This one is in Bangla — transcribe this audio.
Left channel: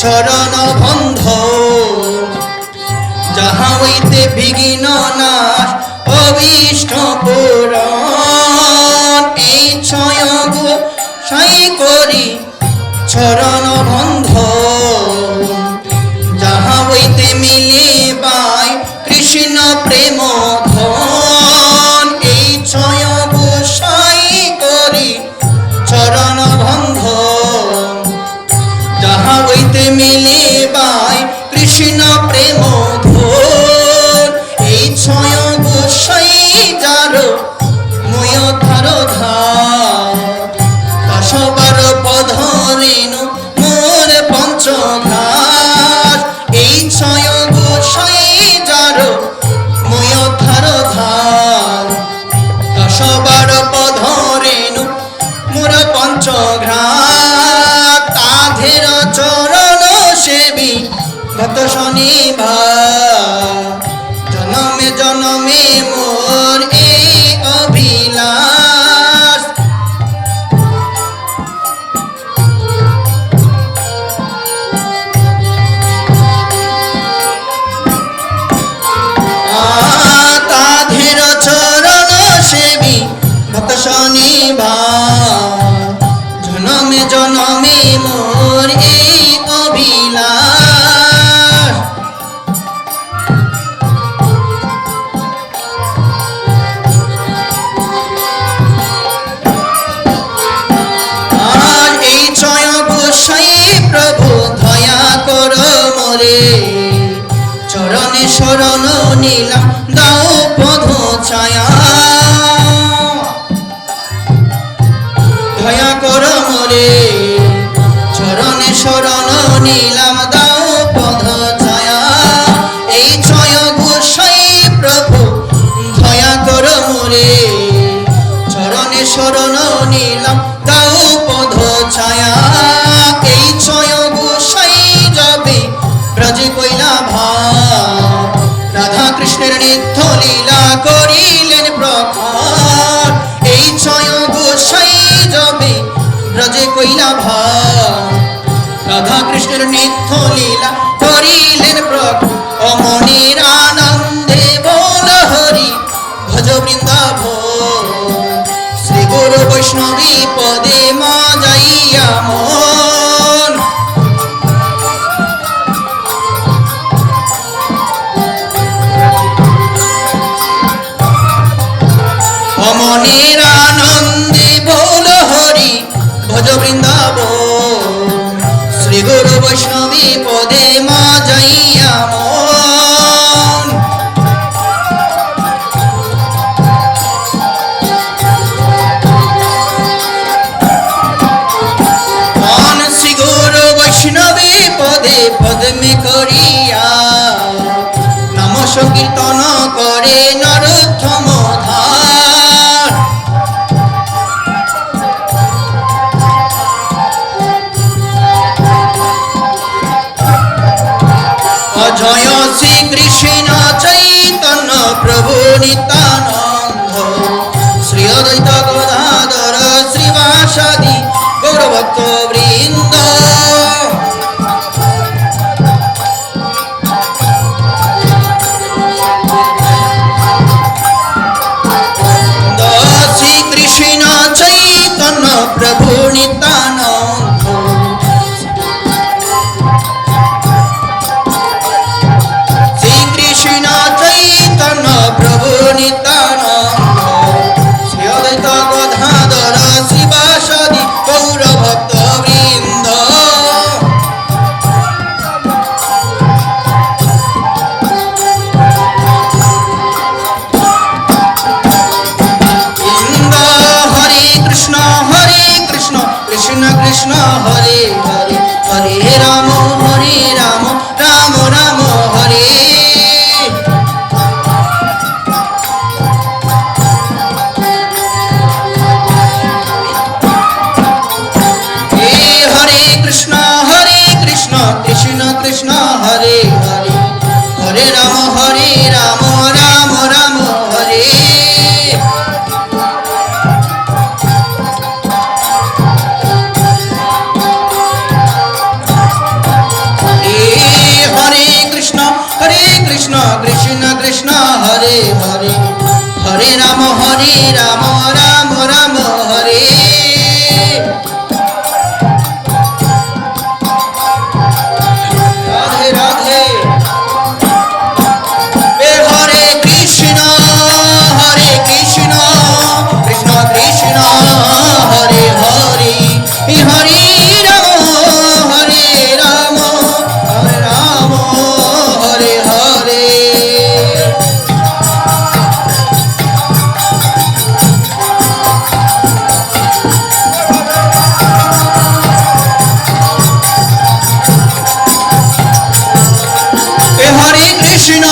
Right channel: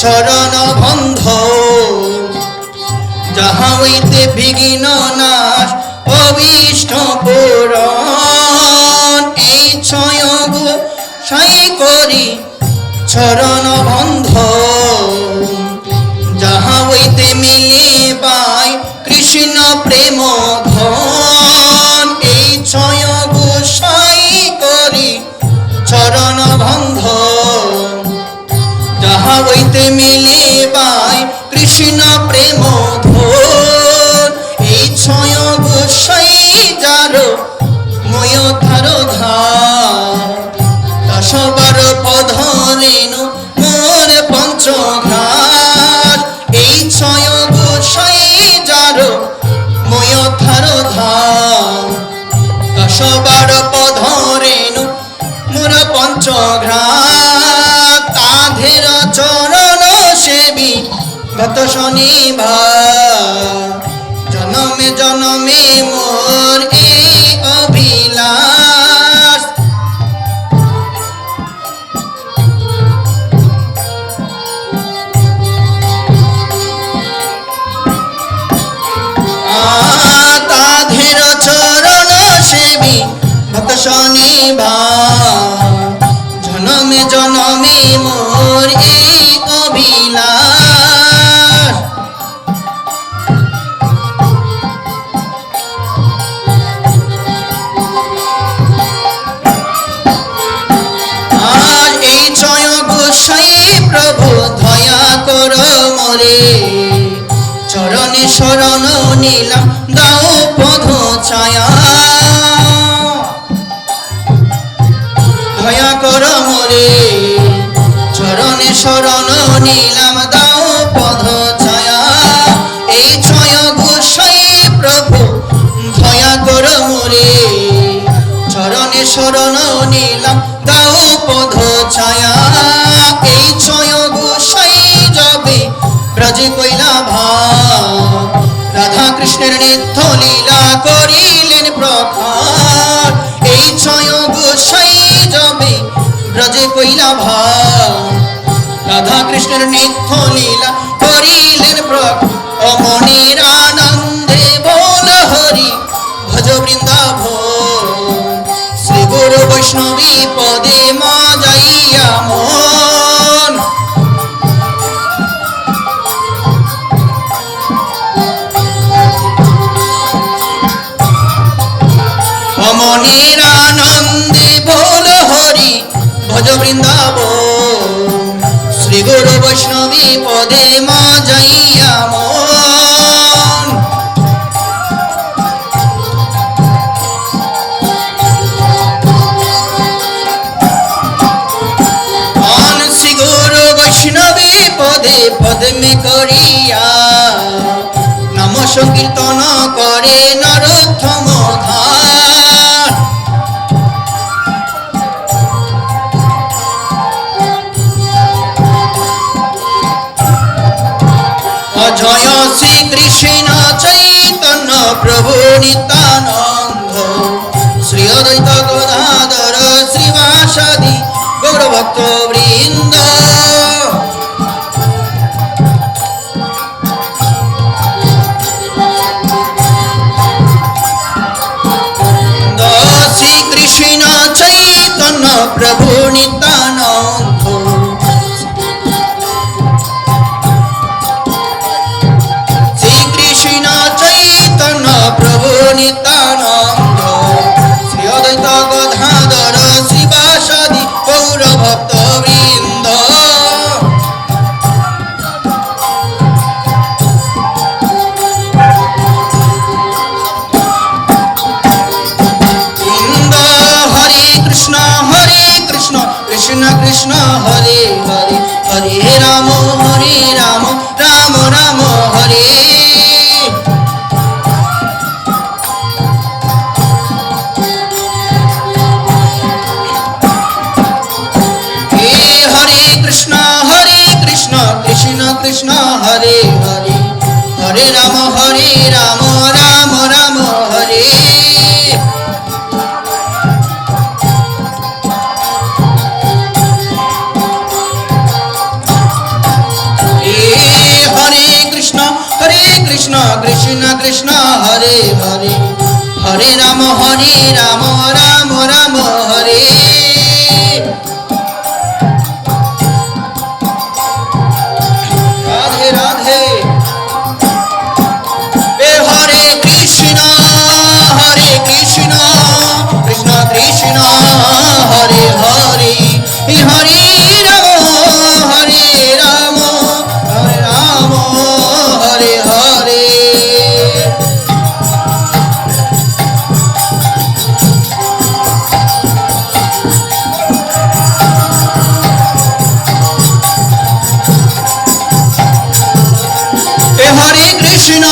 চরণ বন্ধ, যাহা হইতে বিঘ্ন নাশ অভীষ্ট পূরণ। এই ছয় গোসাই করি চরণ বন্ধ, যাহা হইতে মিলে পাই কৃষ্ণ প্রেম ধন। এই ছয় গোসাই করি চরণ বন্ধ, যাহা হইতে মিলে পাই কৃষ্ণ প্রেম ধন। এই ছয় গোসাই যার ময় ধার ধার পদ রেণু মোর পঞ্চঘাস। এই ছয় গোসাই যার ময় ধার ধার পদ রেণু মোর পঞ্চঘাস। তাধের চরণ সেবী গত শনিবার, জনমে জনমে মোর এই অভিলাষ। তাধের চরণ সেবী ভক্ত শনিবার, জনমে জনমে মোর এই অভিলাষ। আর এই ছয় গোসাই প্রভু দয়া কর মোরে, চরণে শরণ নিলাম দাও পদ ছায়া। দয়া কর মোরে, চরণে শরণ নিলাম দাও পদ ছায়া। এই ছয় গোসাই প্রভু দয়া কর মোরে, চরণে শরণ নিলাম দাও পদ ছায়া। এই ছয় গোসাই যবে ব্রজ কইলা ভাব, রাধা কৃষ্ণের নিত্য লীলা করিলেন প্রখার। এই ছয় গোসাই যবে ব্রজে কইলা ভাব, রাধা কৃষ্ণের নিত্য লীলা করিলেন প্রখার। অমনির আনন্দে বল হরি ভজ বৃন্দাবন, শ্রী গুরু বৈষ্ণবী পদে মা যাইয়া মন। অমনির আনন্দে বল হরি ভজ বৃন্দাবন, শ্রী গুরু বৈষ্ণবী পদে মা যাইয়া মন। শ্রী গুরু বৈষ্ণবী পদে পদ্মে করিয়া নাম সংকীর্তন করে নরোত্তম ধার। অজয় শ্রী কৃষ্ণ চৈতন্য প্রভু নিত্যানন্দ, শ্রী অদ্বৈত গদাধর শ্রীবাসাদি গৌরভক্ত বৃন্দ। শ্রী কৃষ্ণ চৈতন্য প্রভু নিত্যানন্দ, শ্রী কৃষ্ণ চৈতন্য প্রভু নিত্যানন্দ, শ্রী অদ্বৈত গদাধর শ্রীবাসাদি গৌরভক্ত বৃন্দ। কৃষ্ণ কৃষ্ণ হরে হরে, হরে রাম রাম রাম হরে। হরে কৃষ্ণ কৃষ্ণ কৃষ্ণ হরে হরে, হরে রাম রাম রাম হরে। কৃষ্ণ কৃষ্ণ কৃষ্ণ হরে হরে হরে রাম রাম রাম হরে রাধে রাধে হরে কৃষ্ণ কৃষ্ণ কৃষ্ণ হরে হরে হরে রাম রাম হরে হরে হরে কৃষ্ণ